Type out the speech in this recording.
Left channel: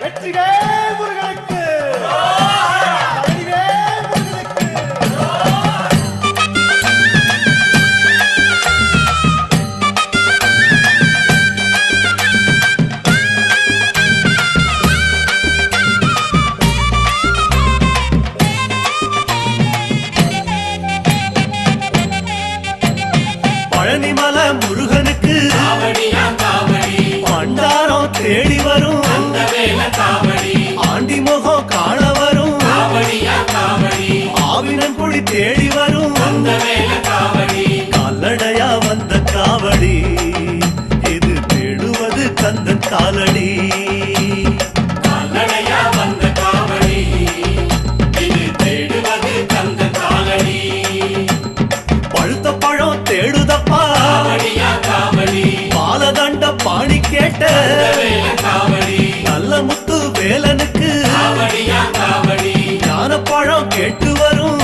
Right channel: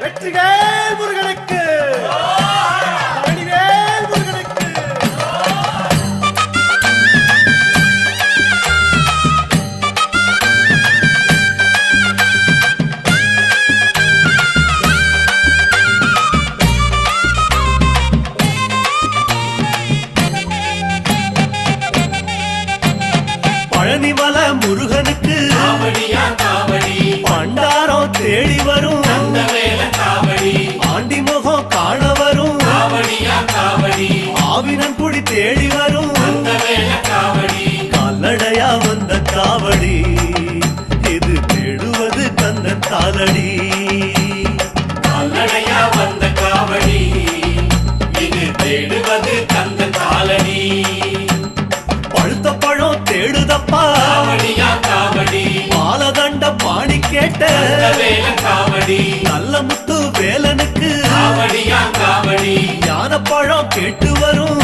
வெற்றிவேல் முருகனுக்கு பழனிவேல் முருகனுக்கு பழனிமலை முருகனுக்கு பண்டாரம் தேடி வரும் ஆண்டி முகம் காண வரும் ஆவினன் குடி தேடி வரும் கால்நடையா வந்த காவடி இது தேடுவது கந்தன் காலடி பழுத்த பழம் தேடுதப்பா பாலதண்ட பாணி கேட்ட நல்ல முத்து வேலனுக்கு ஞான பழம் கேட்டு வரும்